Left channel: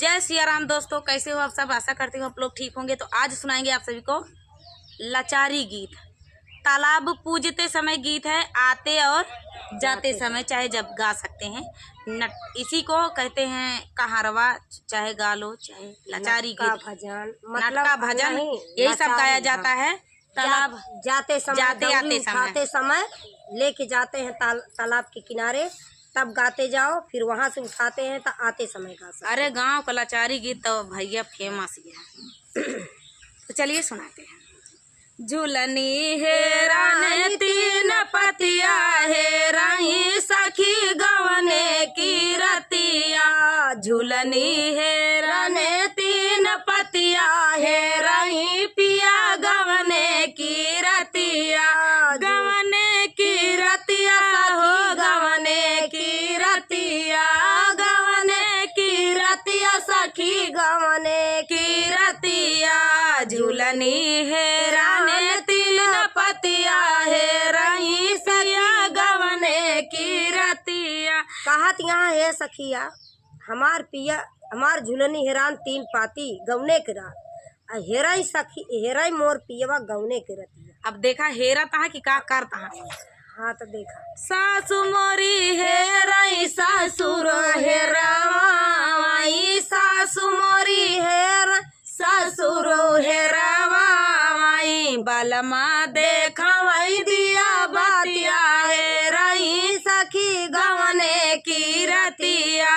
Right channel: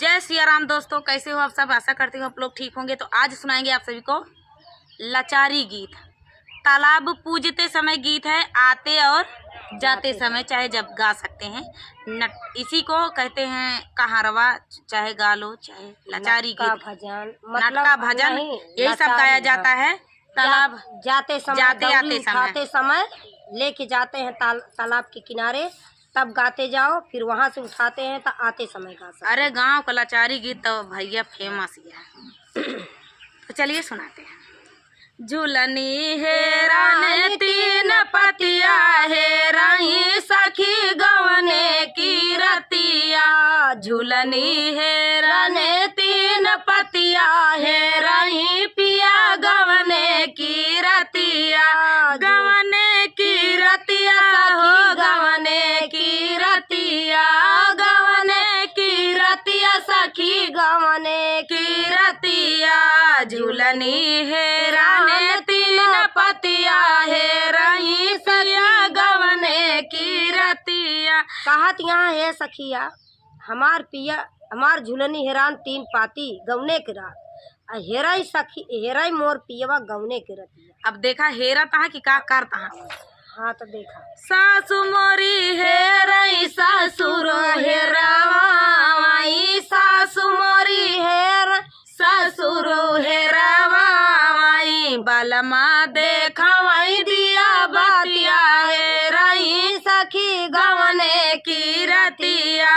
जय सिया राम दोस्तों, कैसे हो आप सब। आशा करती हूँ आप लोग ठीक होंगे। तो आज सुनाएंगे आप सभी को लाचारी गीत। तालाब पूजते समय गीत है, आते और जाते समय चाहे जब गा सकते हैं। इसी को कहते हैं कहारवा, चाहे गा लो, चाहे लाचारी गीत, भजन, नाटका भजन, यही सब गाया जाता है। तालाब जाते समय, जाते आते उठाते समय लेके जाते हैं तालाब के किनारे, तब गाते जाओ, फिर वहाँ से उठाते हैं तो आते समय गा सकते। अरे गांव का लाचारी गीत तो भैया फेमस ही है। तो चलिए सुनाते हैं। झूलनी हेराने तीन पतिया, हेराई सखी गवने की रतिया। झूलनी हेराने तीन पतिया, हेराई पिया गवने की रतिया। गवने की रतिया हो, गवने की रतिया, गवने की रतिया सखी गवने की रतिया। झूलनी हेराने तीन पतिया, हेराई सखिया गवने की रतिया। कहत यहाँ है सखिया, हमार पिया हमार झूलनी हेरान तीन पाती गवने के रात, हेराई सखी हेराई मोर पियवा गवने के रतिया। अब देखा हेरा तहा कि का कर तहा। हाँ तो देखा। सासु मोरी हेराई ससुर हेरावाई, सासु मोरी हेर ससुर हेरावाई। बलमा देखवाई दिया बतिया, हेराई सखी गवने की रतिया।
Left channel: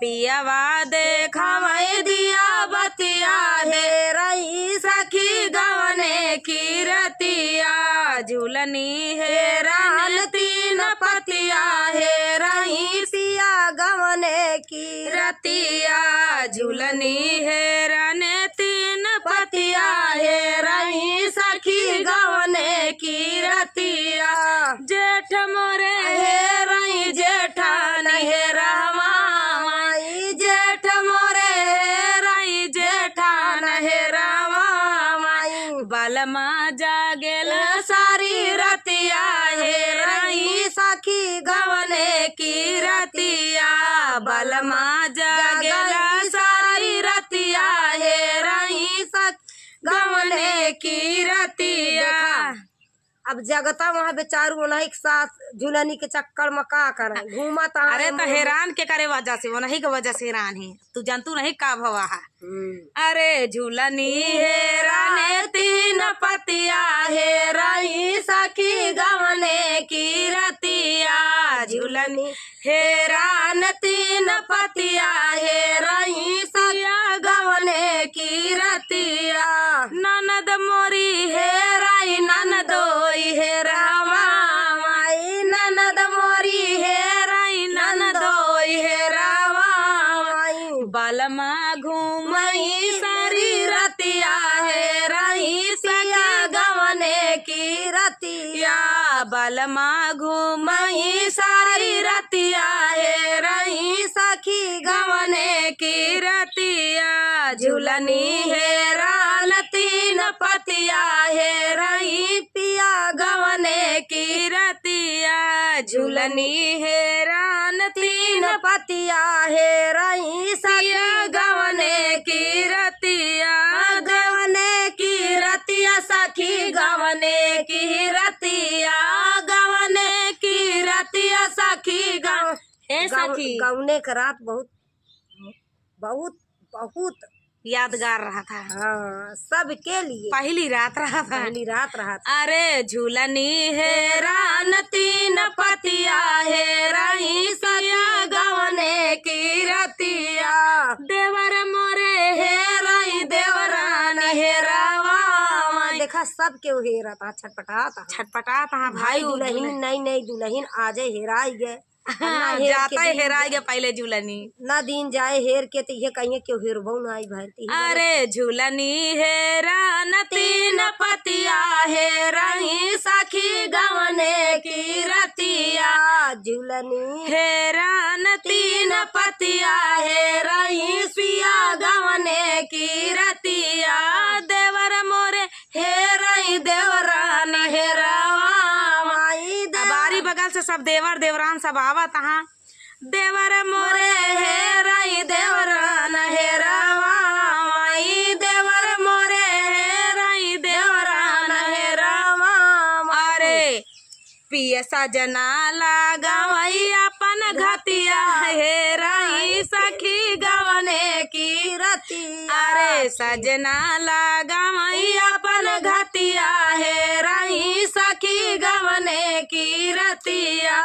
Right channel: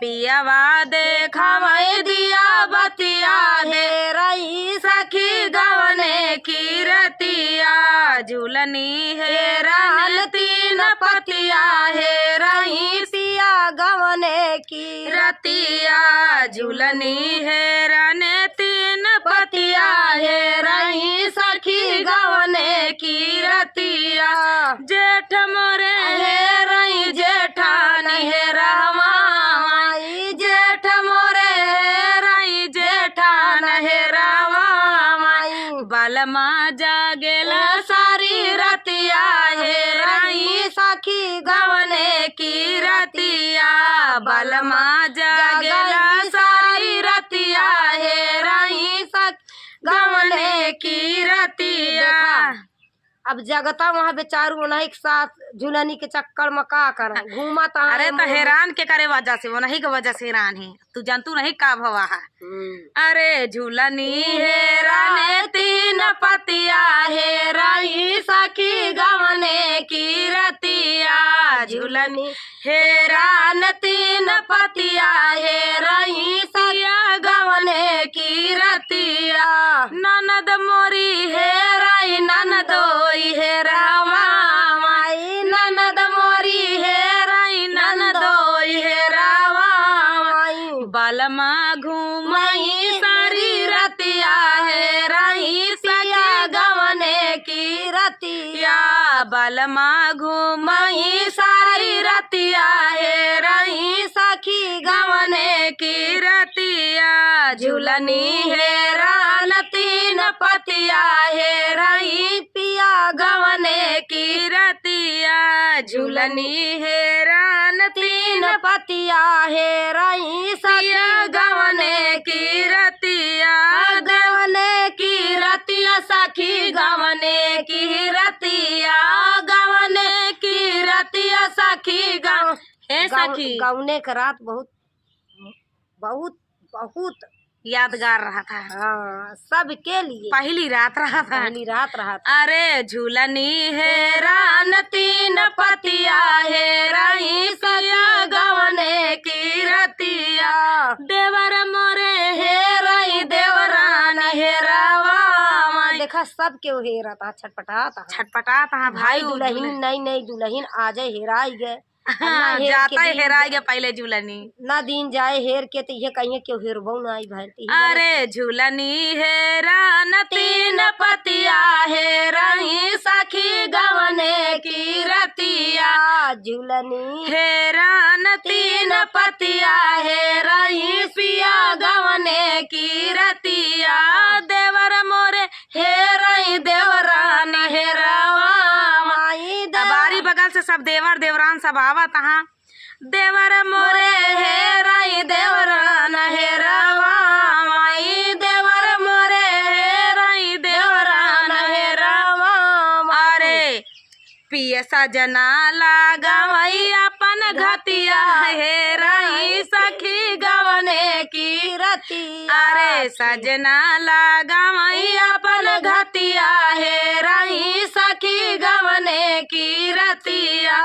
पियवा देखवाई दिया बतिया, हेराई सखी गवने की रतिया। झूलनी हेरान तीन पतिया, हेराई पिया गवने की रतिया। झूलनी हेरान तीन पतिया, हेराई सखी गवने की रतिया। जेठ मोरे हेराई जेठानी हेरावाई, जेठ मोरे हेराई जेठान हेरावाई। बलमा जागेला सारी रतिया, हेराई सखी गवने की रतिया। बलमा जागेला सारी रतिया, हेराई सखी गवने की रतिया। अब जगता वहाँ बेचारू नहीं साथ झूलनी के चक्कर में का करे घूमा। अरे तो हैरान के करे वजह से, वो नहीं के वजह से हैरान है। तू जानतू नहीं का भवा है। अरे झूलनी हेराने तीन पतिया, हेराई सखी गवने की रतिया। झूलनी हेरान तीन पतिया, हेराई सिया गवने की रतिया। ननद मोरी हेराई ननदोई हेरावाई, ननद मोरी हेराई ननदोई हेरावाई। बलमा घूमाई सारी रतिया, हेराई सिया गवने की रतिया। बलमा घूमाई सारी रतिया, हेराई सखी गवने की रतिया। झूलनी हेरान तीन पतिया, हेराई पिया गवने की रतिया। झूलनी हेरान तीन पतिया, हेराई सखी गवने की रतिया। गवने की रतिया सखी गवने की रतिया, गवने की रतिया सखी गव हे सखी। गवने का रात बहुत बहुत बहुत यादगार रहा था। हाँ, सबके लिए पहली रात रहा था। पहली रात रहा था। अरे झूलनी हेरान तीन पतिया, हेराई सिया गवने की रतिया। देवर मोरे हेराई देवरान हेरावा। देखा सबके वो हेरा था, छटपटा था भाई। दुल्हन नई दुल्हन आ जाए हेराई गए। जाता है हेराई गया पहले झूलनी ना दिन जाए हेर के तो ये कहिए क्यों हेरबो ना आई भरती। अरे झूलनी हेरान तीन पतिया, हेराई सखी गवने की रतिया। झूलनी हेरान तीन पतिया, हेराई पिया गवने की रतिया। देवर मोरे हेराई देवरान हेरावाई। बारी बगल से सब देवर देवरान सब आवत। देवर मोरे हेराई देवरान हेरा ये सजना लगावई अपन घतिया हेराई सखी गवने की रतिया अरे सजना लगावई अपन घतिया हेराई सखी गवने की रतिया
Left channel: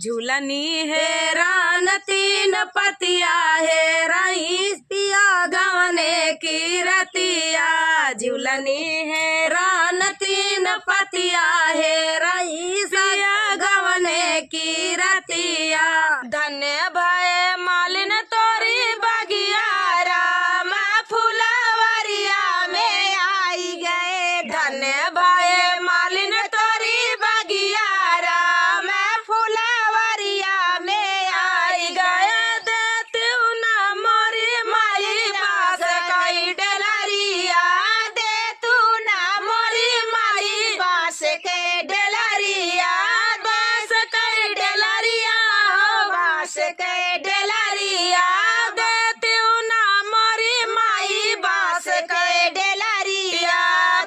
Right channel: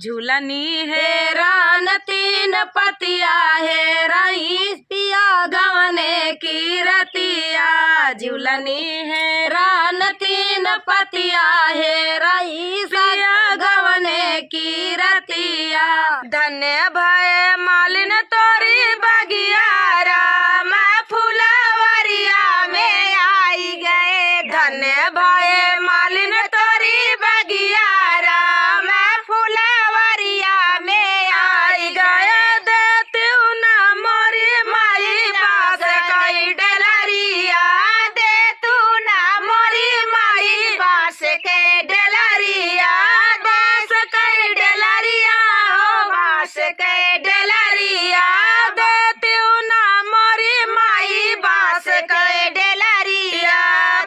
झूलनी हेरान तीन पतिया हेराई पिया गवने की रतिया झूलनी हेरान तीन पतिया हेराई पिया गवने की रतिया धन्य भय मालिन तोरी बगिया राम फुलवरिया में आई गए धन्य भय मालिन तोरी बगिया राम फुलवरिया में आई गए देती ना मोरी माई बास कई डलरिया दे तू ना मोरी माई बास के डलरिया बास कई डलरिया हो बास कई डलरिया देती ना मोरी माई बास कई डलरिया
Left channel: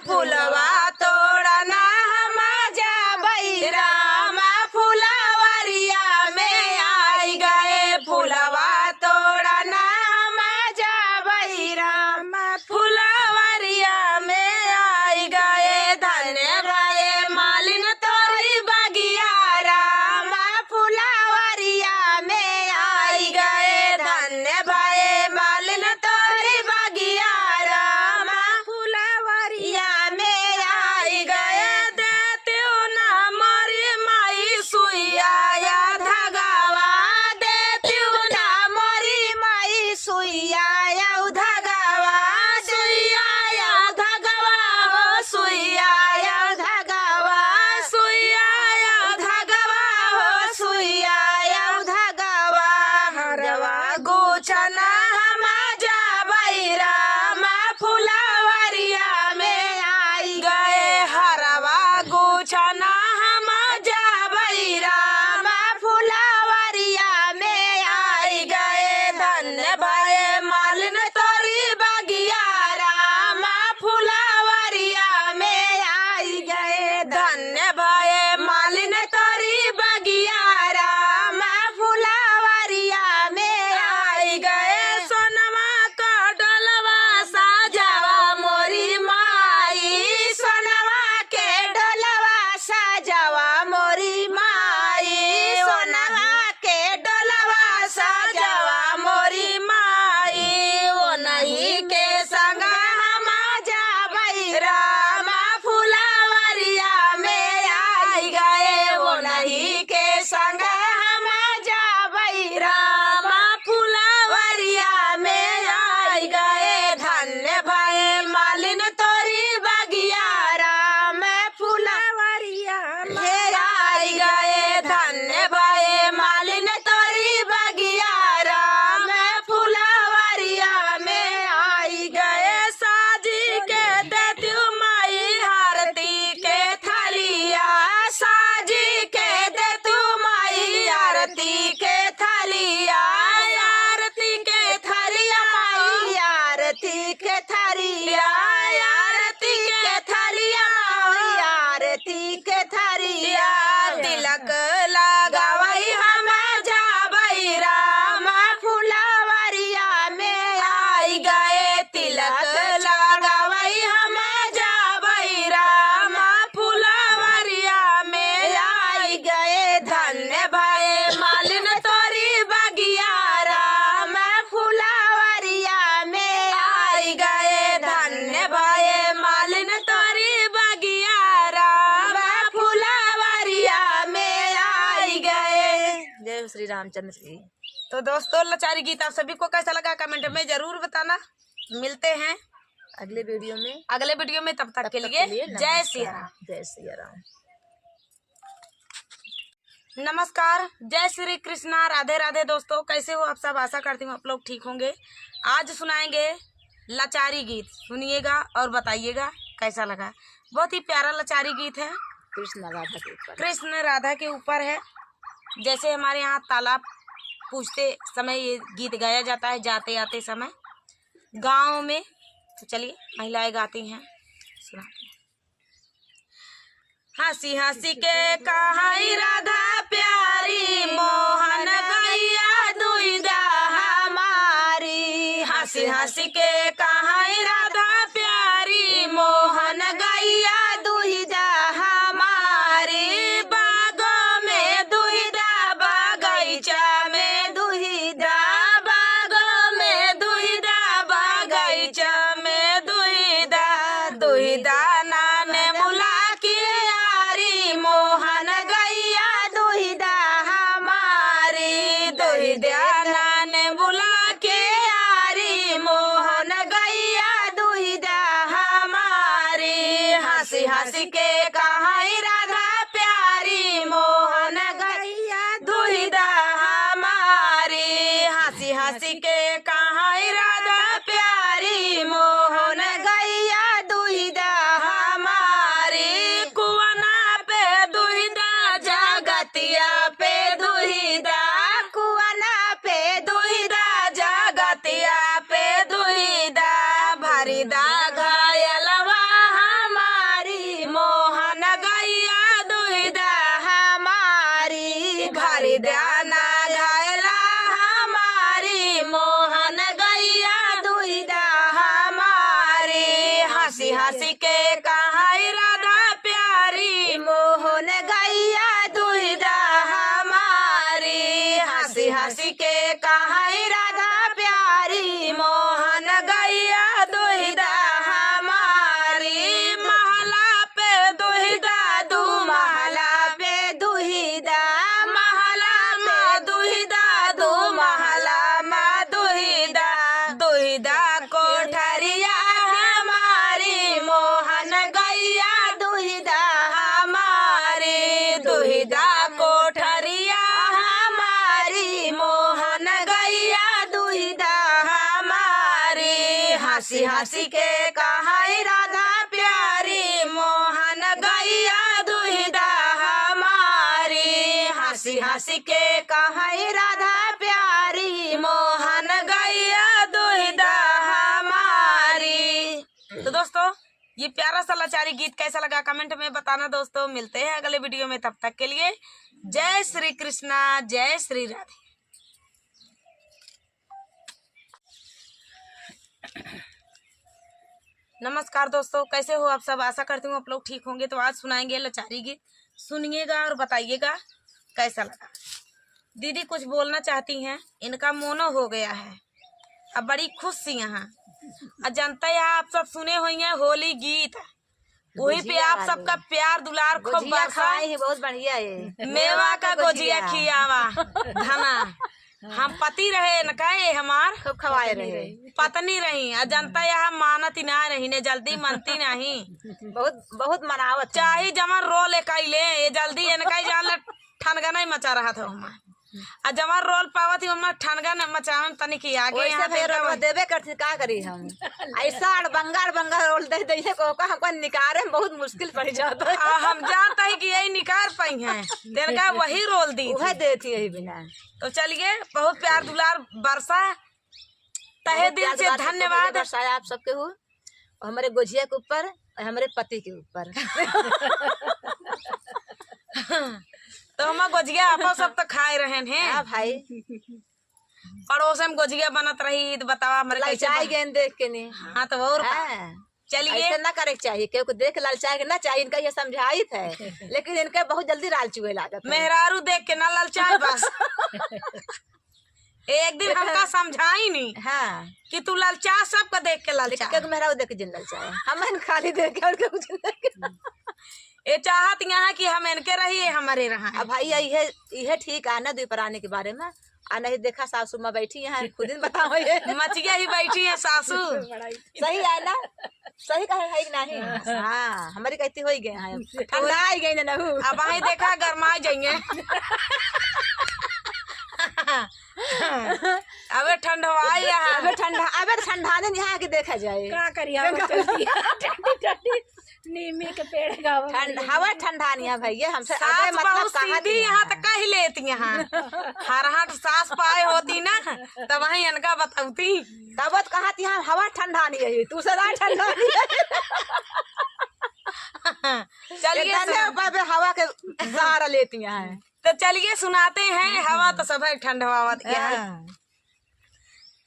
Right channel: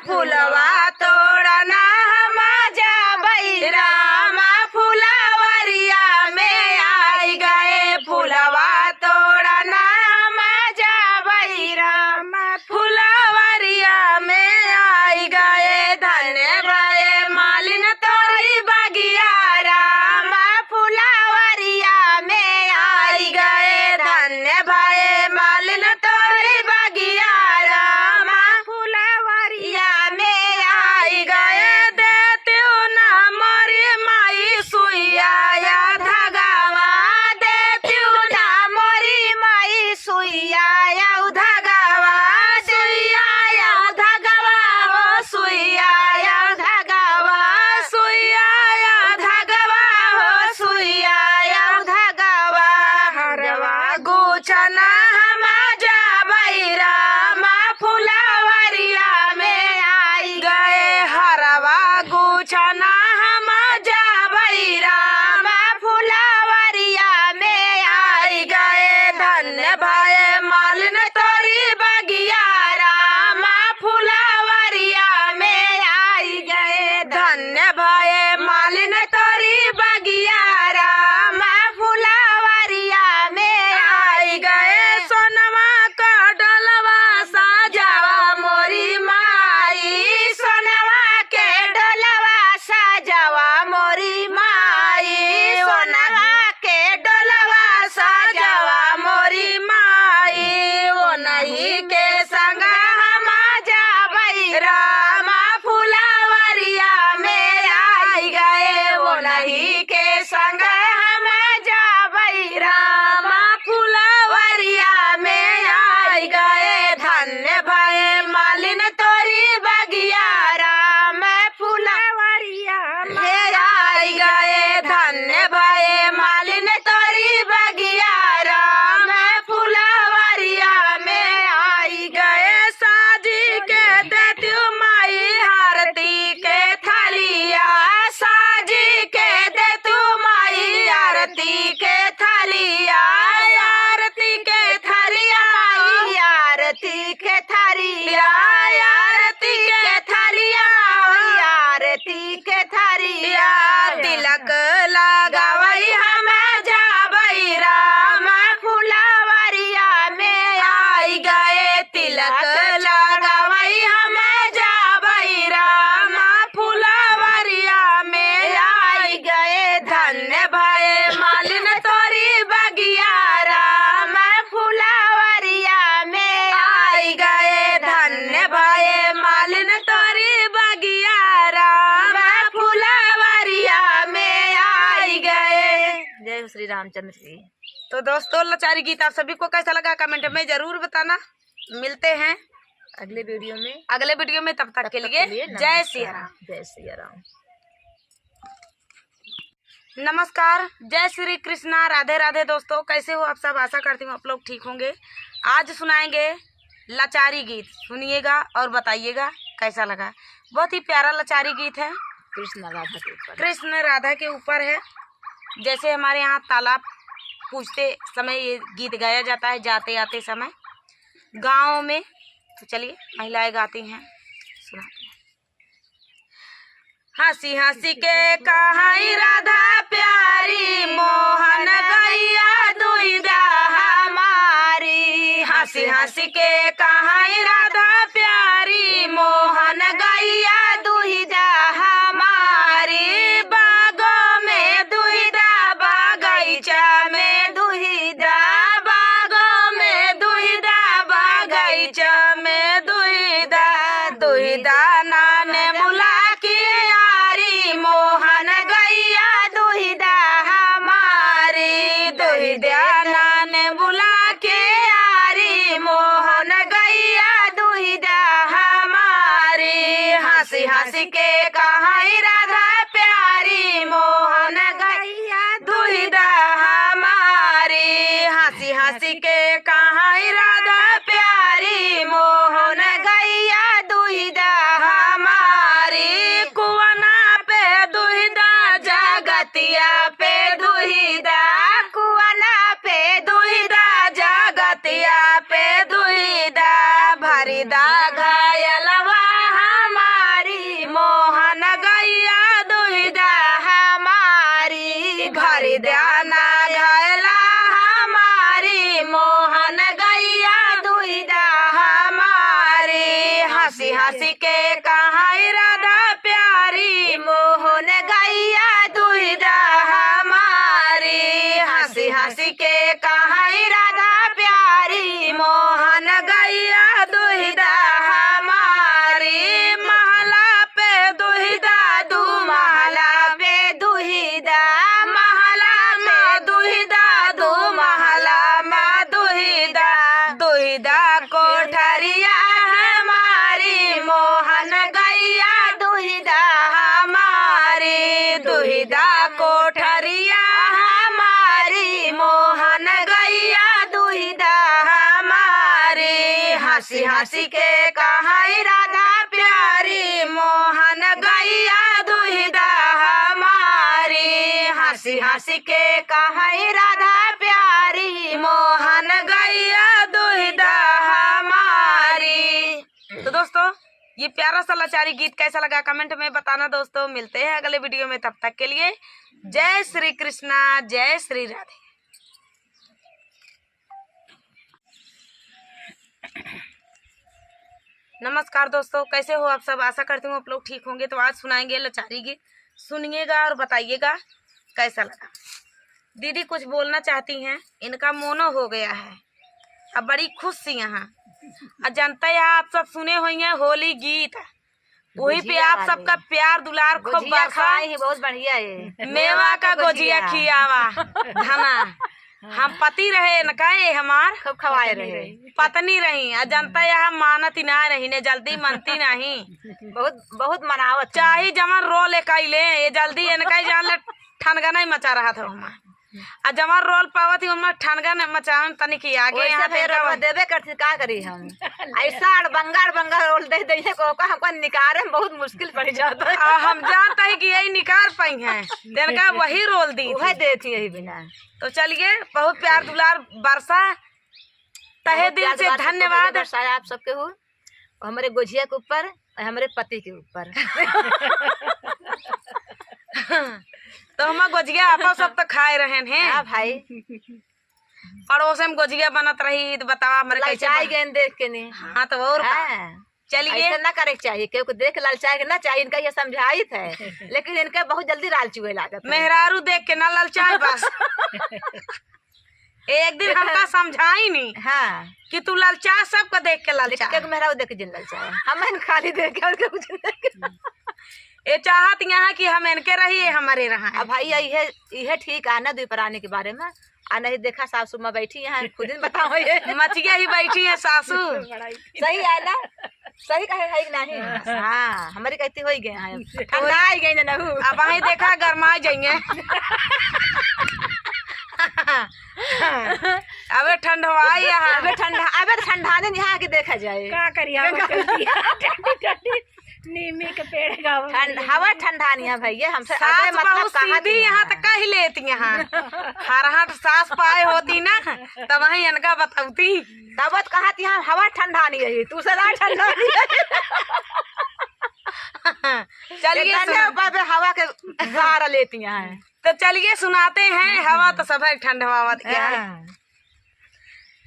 फुलवा तोड़ना हम जाबई राम फुलवरिया में आई गए फुलवा तोड़ना हम जाबई राम फुलवरिया में आई गए धन्य भय मालिन तोरी बगिया राम फुलवरिया में आई गए धन्य भय मालिन तोरी बगिया राम फुलवरिया में आई गए देती ना मोरी माई सुइया या धगावा देती ना मोरी माई सुइया या धगावा सुइया या धगावा हो सुइया या धगावा सुइया या धगावा हो सुइया या धगावा हरवा गुछना हम जाबई राम फुलवरिया में आई गए हरवा गुछना हम जाबई राम फुलवरिया में आई गए धन्य भय मालिन तोरी बगिया राम फुलवरिया में आई गए धन्य भय मालिन तोरी बगिया राम फुलवरिया में आई गए सोनवा का डलवा साजावा मोरी माई सोनवा के डलवा साजावा मोरी माई सोनवा के डलवा साजावा मोरी माई वो नहीं के संग हम जाबई राम फुलवरिया में आई गए वो नहीं के संग हम जाबई राम फुलवरिया में आई गए धन्य भय मालिन तोरी बगिया राम फुलवरिया में आई गए धन्य भय मालिन तोरी बगिया राम फुलवरिया में आई गए साजी के देती माई आरती के थालिया साजी के देती माई आरती के थालिया आरती के थालिया माई आरती के थालिया आरती के थालिया माई आरती के थालिया तिलक लगावई हम जाबई राम फुलवरिया में आई गए तिलक लगावई हम जाबई राम फुलवरिया में आई गए धन्य भय मालिन तोरी बगिया राम फुलवरिया में आई गए धन्य भय मालिन तोरी बगिया राम फुलवरिया में आई गए। जय श्री रामचंद्र जी। तो दोस्तों लाचारी गीत आप सभी को कैसा लगा कमेंट में जरूर बताना। मिलते हैं अगले वीडियो में तब तक के लिए जय सिया राम। जय सिया राम। नमस्कार, जय श्री कृष्णा, राधे राधे। दोस्तों कैसे हो आप सब? आशा करती हूँ आप लोग ठीक होंगे। आज सुनाएंगे लाचारी गीत, सुनिएगा और बताइएगा कैसा लगा। बहुत ही प्यारा लाचारी गीत है, कृष्ण राधा के ऊपर। कृष्ण राधा के ऊपर है। जैसे हमारे यहाँ तालाब पूछते समय ये गीत गाया जाता है, जाते आते समय गाँव में। तो चलिए महिलाएं गाती हैं, सुनाते हैं। हंसी हंसी के कहाई राधा प्यारी मोहन गैया दुहिदा हमारी। हंसी हंसी के कहाई राधा प्यारी मोहन गैया दुहिदा हमारी। बागों में दुहिदा बगीचा में दुहिदा, बागों में दुहिदा बगीचा में दुहिदा, दुहिदा नाने मुला की यारी मोहन गैया दुहिदा हमारी। दुहिदा नाने बुला के यारी मोहन गैया दुहिदा हमारी। हंसी हंसी के कहाई राधा प्यारी मोहन गैया दुहिदा हमारी। हंसी हंसी के कहाई राधा प्यारी मोहन गैया दुहिदा हमारी। कुआना पे दुहिदा जगतिया पे दुहिदा, कुआना पे दुहिदा जगतिया पे दुहिदा, भरिदा घायलवा हमारी मोहन गैया दुहिदा हमारी। भरिदा ना घायला हमारी मोहन गैया दुहिदा हमारी। हंसी हंसी के कहाई राधा प्यारी मोहन गैया दुहिदा हमारी। हंसी हंसी के कहाई राधा प्यारी मोहन गैया दुहिदा हमारी। महला पे दुहिदा दू महला पे दुहिदा, महला में दुहिदा दू महला में दुहिदा, दुहिदा कोठरिया हमारी मोहन गैया दुहिदा हमारी। दुहिदा कोठरिया हमारी मोहन गैया दुहिदा हमारी। हंसी हंसी के कहाई राधा प्यारी मोहन गैया दुहिदा हमारी। हंसी हंसी के कहाई राधा प्यारी मोहन गैया दुहिदा हमारी। तो दोस्तों ये प्यारा सा लाचारी गीत कैसा लगा कमेंट में बताना दोस्तों। मिलते हैं अगले वीडियो में, तब तक के लिए जय श्री कृष्णा, जय श्री राधे। नमस्कार दोस्तों, कैसे हो आप सब। आशा करती हूँ आप लोग ठीक होंगे। तो आज सुनाएंगे लाचारी गीत, सुनिएगा और बताइएगा कैसा लगा। दीदी कुछ बोलना चाहती हैं, इनका मोनो हो गया है, अब बड़ी खुश सी यहाँ। और जनता है आप सब सुने हुए हैं होली गीत, वही पे आप सबका प्यार दुलार खूब बरसा। बहुत बढ़िया है। मेवा का गोजिया खियावा धना, हम पति रहे न कहे हमार खूब खवाए रहे, पत्नी रही। और जनता यहाँ मानती ना रही ने, जल्दी मनती नहीं, बहुत बहुत मनावत चाहे जमन रोल ले ये जल्दी इनका जान ठनगा नहीं मचा रहा था हमार। और जमन रोल पावत ही हमार ठनगा न मचावन तनी की आगे यहाँ देवे करती का करी हम। ऐसा बंगार रोल दे दे को निकारे में बहुत मुश्किल पड़ जाता है। हम जानते हैं कि यही निकाल पाई हैं, इनका वही रोल दी वही देती यही बिना। तो चलिए बहुत प्यार दुलार बरसा, तहे दिल से धन्यवाद बरसाया आप सबके हो, हमारे गोजिया के ऊपर और हमारे पति के ऊपर। तो हम गोजिया आप सब तो खाए रहे हैं। हाँ भाई, पड़ोस में गोजिया बनत रही तो बतावा हमारे कैसे लालचाई गेंद देख के नहीं। हाँ तो और चलिए ऐसा ना करे चाहिए, क्योंकि देख लालचाई ना चाहिए। इनका ये समझाइत है, लेकिन इनका बहुत जल्दी लालचुए लागत है। मेहरारू देख के ना लालचाए बस। एक दिन हमका समझाई नहीं हाँ कि तू लालचा सबको देख के लालचा, मेहरारू देख के जिन लालचाए, हम खाली देख के और कुछ नहीं। ये चाहत यहाँ कि हम इनके रहिए हमारे रहा। अब भाई यह ठीक है ना द्वीपरानी के बारे में। आ नहीं देखा सासू माँ बैठी यहाँ, खुद ही बताओ ये मचिया ही बैठी है सासू। सही है ना, सही कहे है कि नहीं। हाँ हमारी कहती हो गए हैं, ठंडा आई गई ना। अब वही देखा गरमा जाएंगे। अबे ठंडवाई यहाँ, अबे ठंडाने यहाँ के देखा जाए का करिया नीमी के पेड़ हवा ठंडा नहीं है भैया। हमसे सास बहुत सीधी यहाँ तक कह लेती यहाँ। हरहट सास पाए होती ना तब वही इनका बताती, तब कहा यहाँ हवा ठंडा नहीं है, तू सदा ठंडा नहीं है। चलिए ऊपर पे हवा के सहारा लेती हैं। तो चलिए सुनाते हैं। हवा तो सब है ठंड हवा दिया है।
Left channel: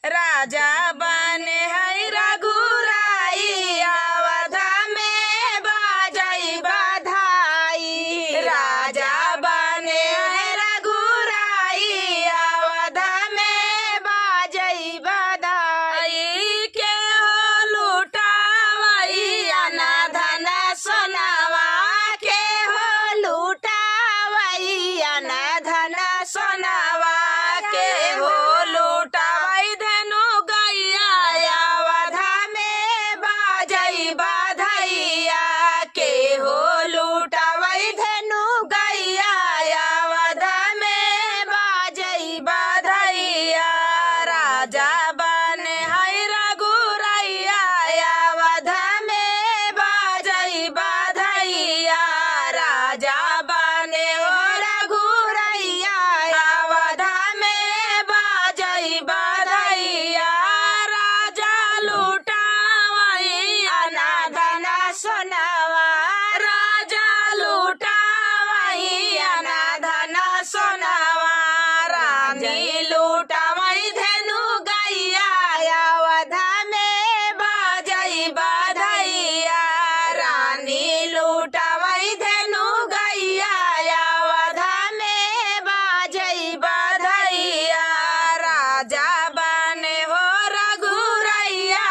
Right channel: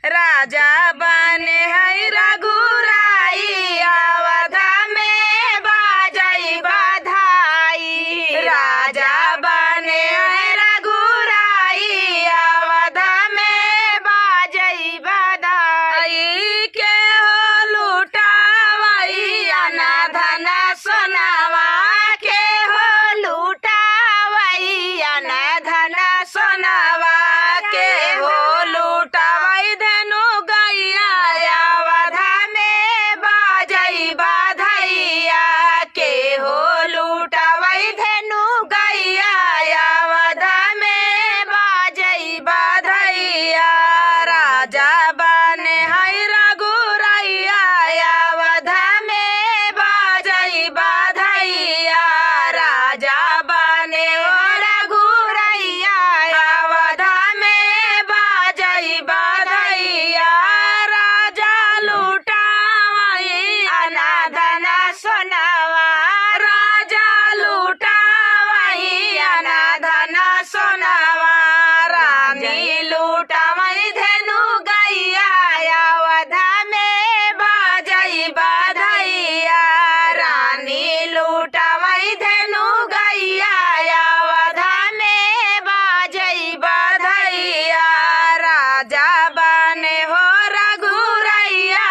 राजा बने है रघुराई अवध में बाजई बधाई। राजा बने है रघुराई अवध में बाजई बधाई। के हो लुटावई अना धन सोनावा। के हो लुटावई अना धन सोनावा। के हो लुटावई धनु गैया अवध में बाजई बधैया। के हो लुटावई धनु गैया अवध में बाजई बधैया। राजा बने है रघुरैया अवध में बाजई बधैया। राजा बने हो रघुरैया अवध में बाजई बधैया। राजा लुटावई अनाधन सोनावा। राजा लुटावई अनाधन सोनावा। रानी लुटावई धनु गैया अवध में बाजई बधैया। रानी लुटावई धनु गैया अवध में बाजई बधैया। राजा बने हो रघुरैया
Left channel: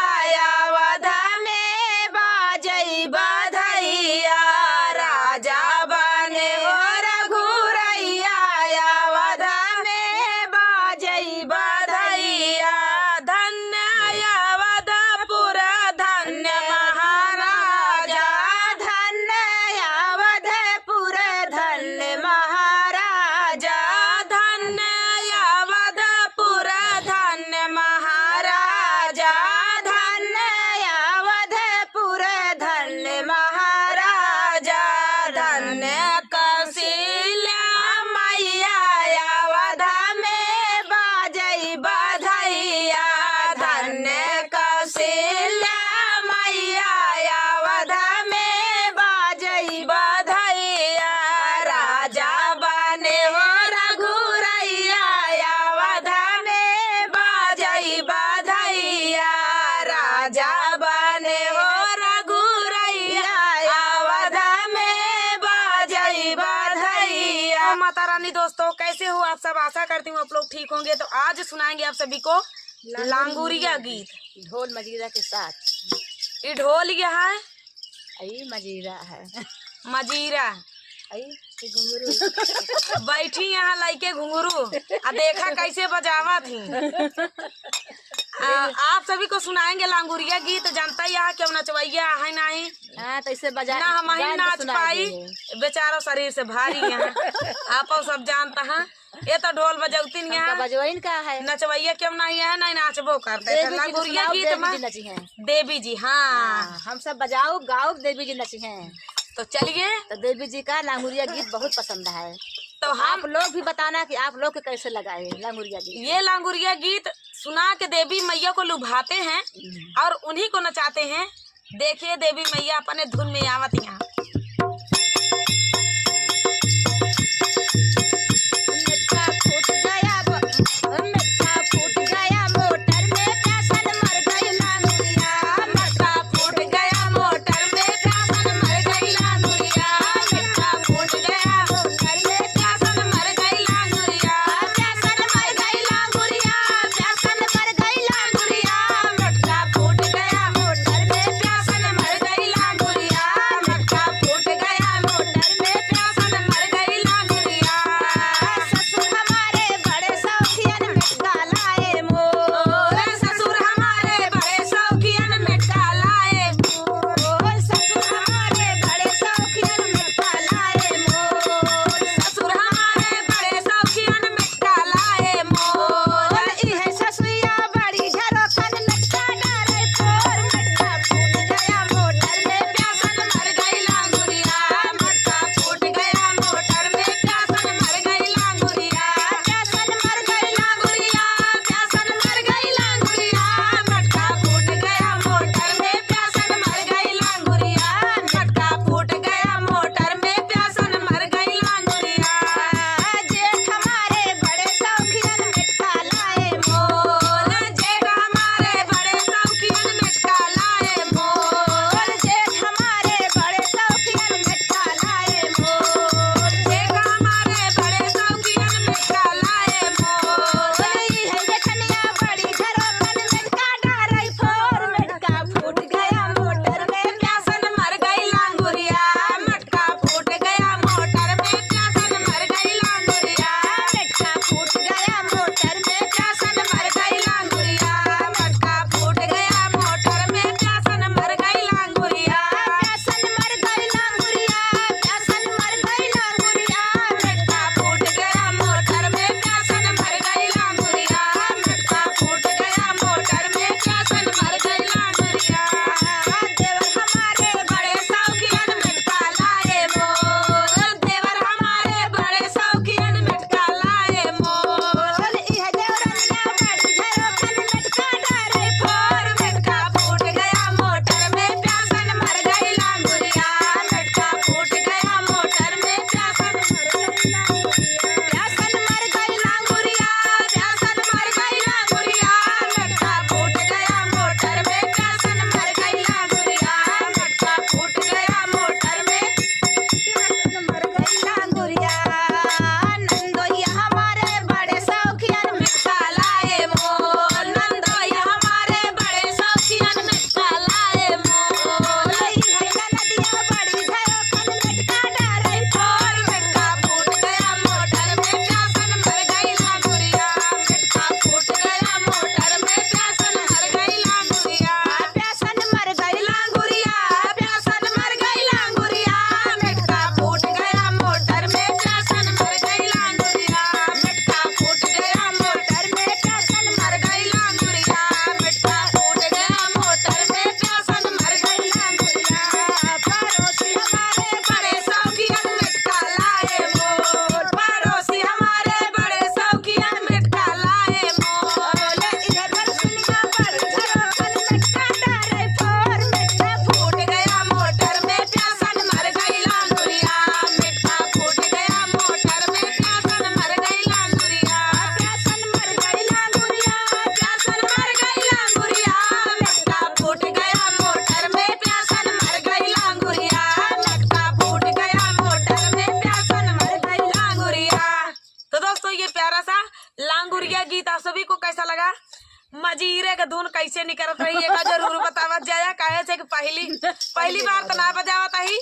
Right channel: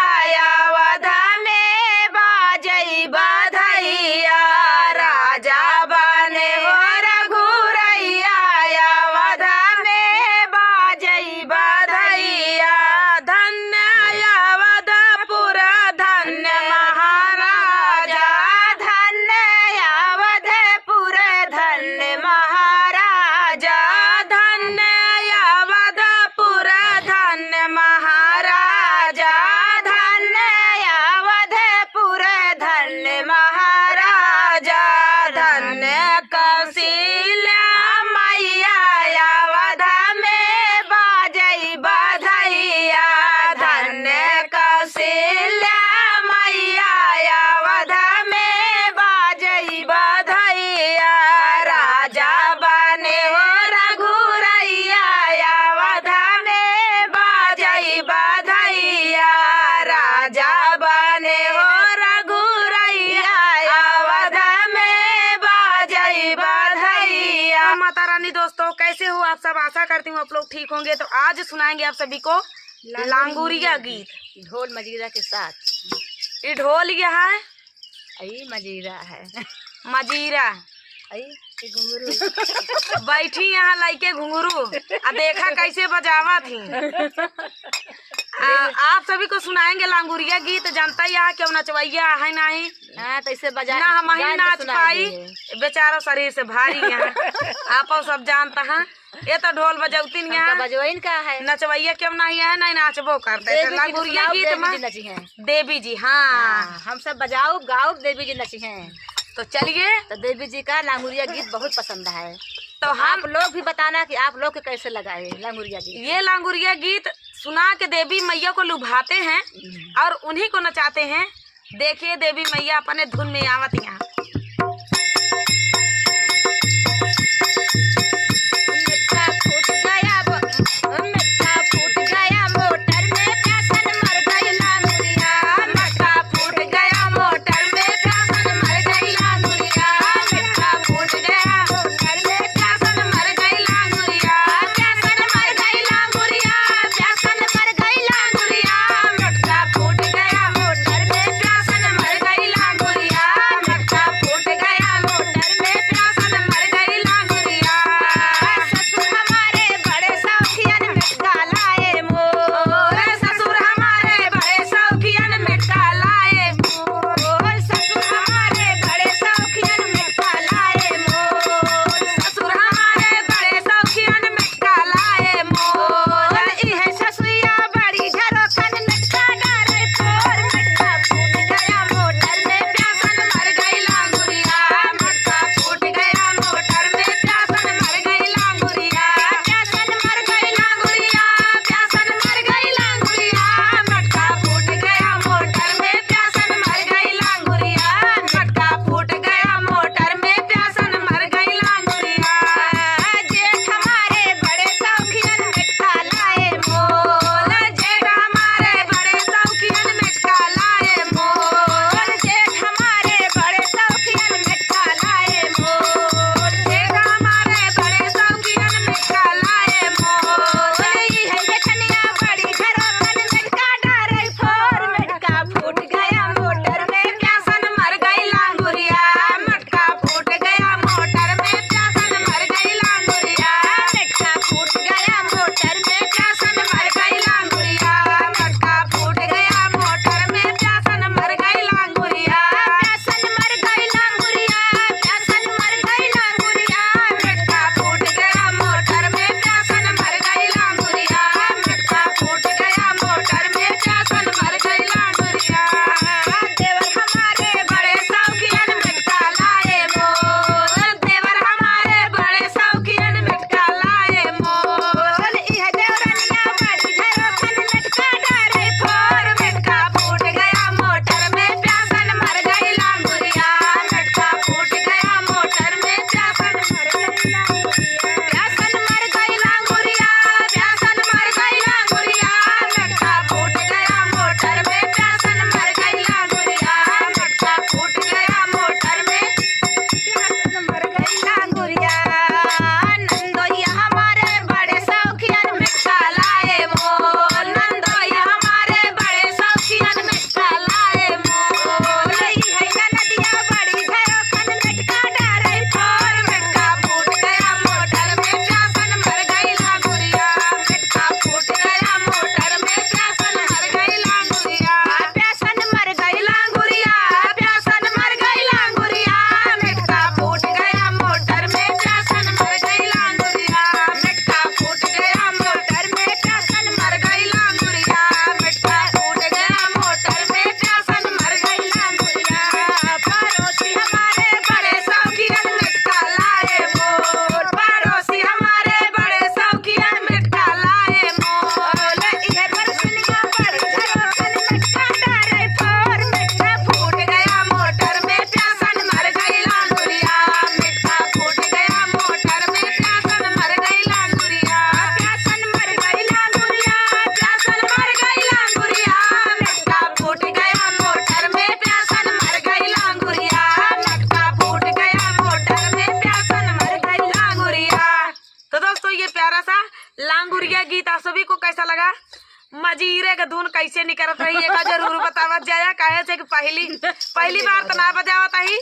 अवध में बाजई बधैया। राजा बने हो रघुरैया अवध में बाजई बधैया। धन्य अवधपुर धन्य महाराजा। धन्य अवधपुर धन्य महाराजा। धन्य अवधपुर धन्य महाराजा। धन्य अवधपुर धन्य महाराजा। धन्य कौशल्या मैया अवध में बाजई बधैया। धन्य कौशल्या मैया अवध में बाजई बधैया। राजा बने हो रघुरैया अवध में बाजई बधैया। राजा बने हो रघुरैया अवध में बाजई बधैया। माता रानी दोस्तों, कैसे हो आप सब? आशा करती हूँ आप लोग ठीक होंगे। तो आज सुनाएंगे आप सभी को लांगुरिया गीत ढोल मजीरा के साथ। ये ढोल ये है, आई मजीरा है। मजीरा आई ये घुंघरू। बैठी यहाँ लाइके घुंघरू आ देखा कैसे बजावा थी। आप सभी को सुनाएंगे लांगुरिया गीत। जानता ही यहाँ क्यों नचवैया है नहीं तो इसे बजा ना हम ही नाच पाई, बेचारा शरीर से भारी है। आप सब जानता है। ये तो ढोल बजौती नहीं है, बजवाइन का है। नचवैया क्यों नहीं है, नहीं नाचबो करते। लांगुरिया गीत में नची है देवी जी। हाँ, हम सब बजाओ गाओ, देवी जी नची हैं। तो चलिए, तो देवी जी का लांगुरिया गीत बहुत पसंद है। तो हम आप लोग भी बताना कि आप लोग के कैसे लगाए लांगुरिया गीत। ये लांगुरिया गीत सुना के देवी मैया को लुभाते हैं और उन्हीं को नचाते हैं। देखिए देवी मैया अपने धुन में आवत यहाँ। मटका मजीरे का धुन कैसे निकलत रही है जरूर बतावत जाया काहे से कि पहली बार तो ना बजावत ही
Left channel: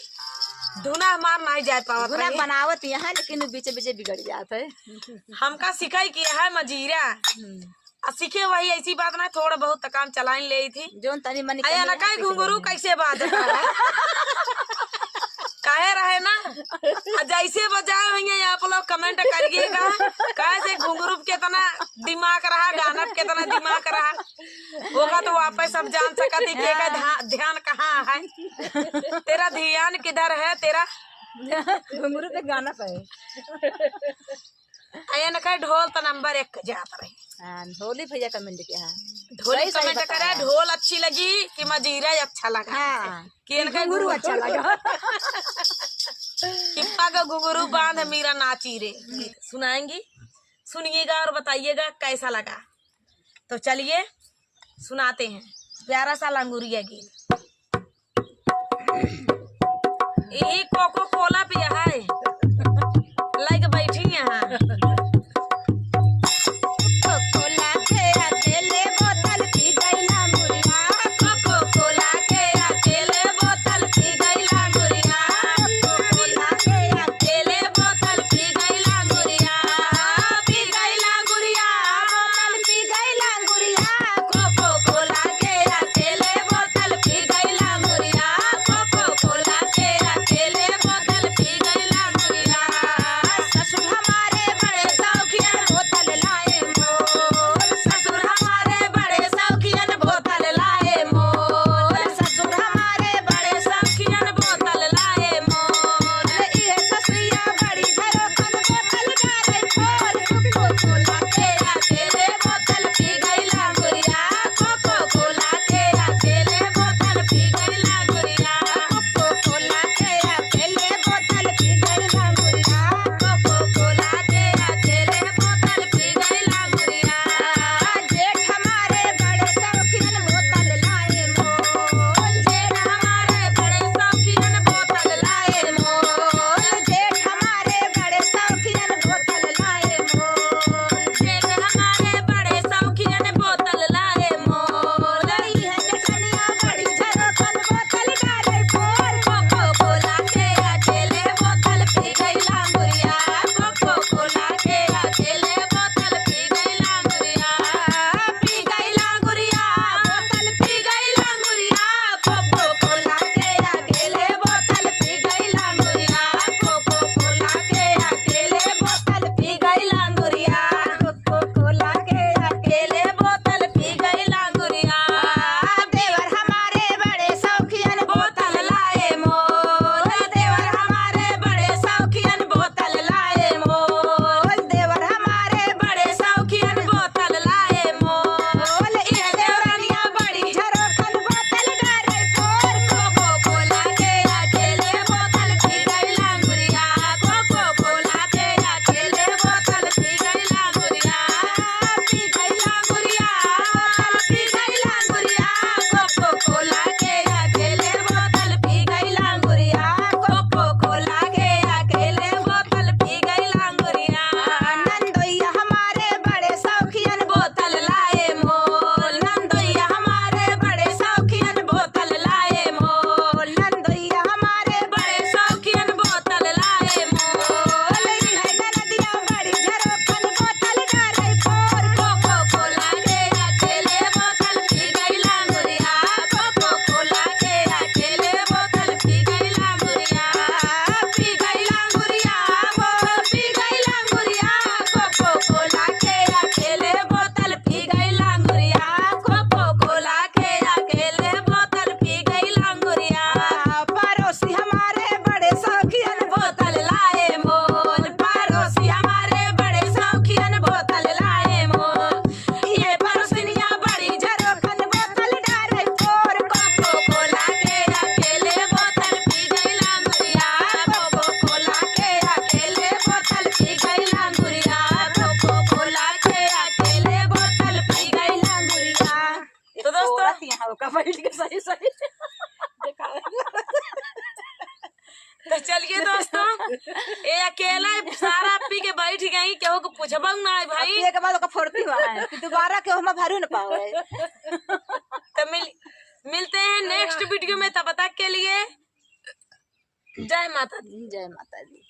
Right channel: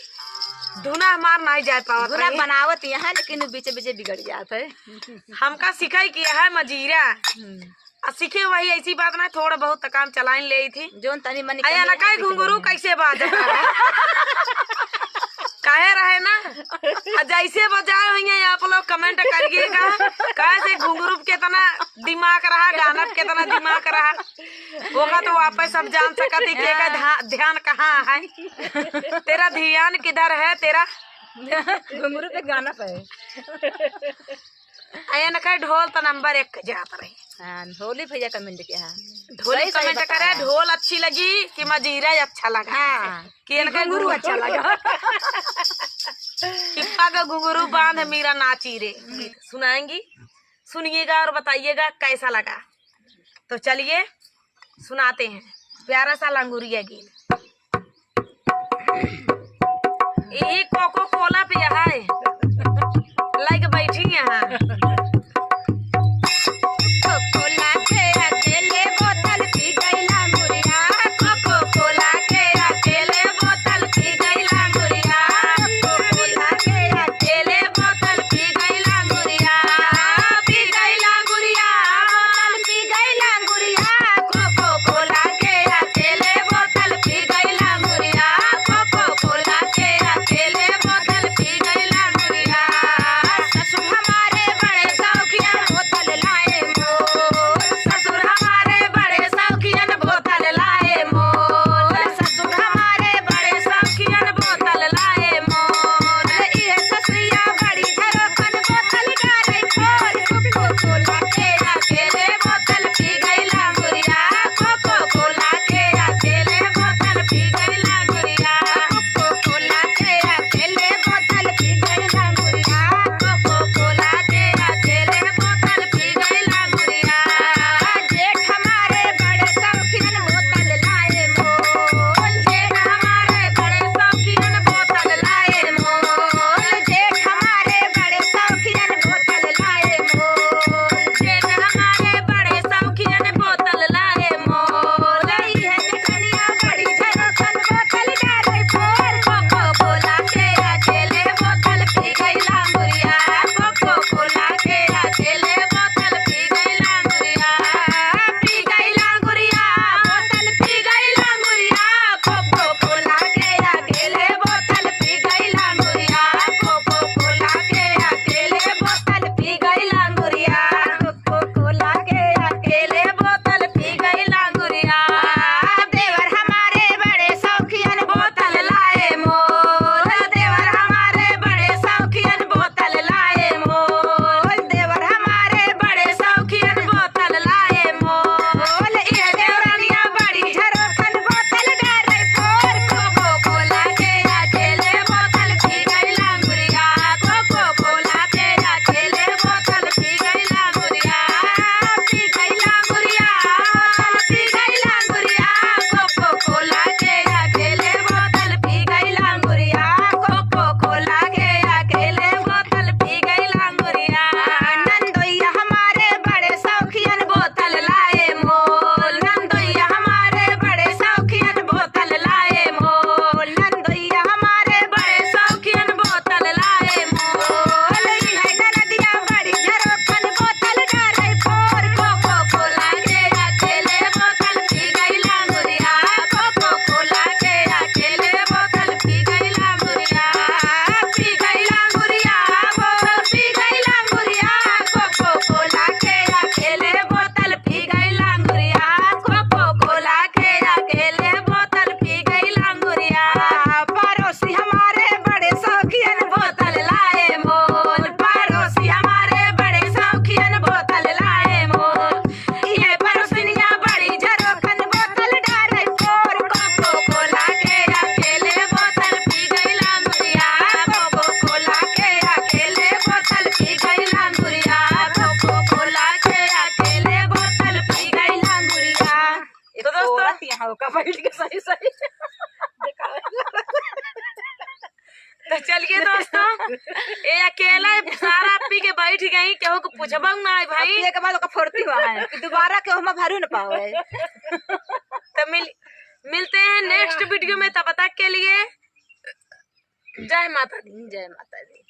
धुना हमार नहीं जा पावत धुना रही। बनावत यहाँ लेकिन बीचे बीचे बिगड़ जात है। हमका सिखाई किया है मजीरा सीखे वही ऐसी बात ना थोड़ा बहुत काम चलाइन ले थी जोन तनी मनी आया ना काहे घुंघरू कैसे बाज काहे रहे ना जैसे बजाए हुई आप लोग कमेंट करिएगा कैसे घुंघरू कितना दिमाग रहा गाना कितना दिमाग रहा होगा तो वापस सब जान सकती के ध्यान कहाँ है तेरा ध्यान किधर है तेरा घुंघरू पे गाना पे आया ना कहे ढोल तो नंबर 1 जात रही। हाँ ढोली भैया कमेंट किया है ढोली कमेंट करे ढोल अच्छी लगी कि मजीरा अच्छा लगा हाँ कि इनका घुंघरू अच्छा लगा हिप्पा का घुंघरू बांध मीरा नाची रे गीत सुनाएंगी सुनिएगा और बताइएगा कैसा लगा। तो चलिए सुनाते हैं प्यारा सा लंगूरिया गीत। ये कोको कोला पिया है लाइक बैठी यहाँ चलिए दोस्तों, ये अकेला सारा पी के बैठ गई, केहू को पूछबा ना भाई। पिए के बाद ओका फोड़ती हुआ है कि दोबारा के हम भरू न पावे। तो मिलते हैं नेक्स्ट वीडियो में, तब तक के लिए जय माता दी। जय माता दी।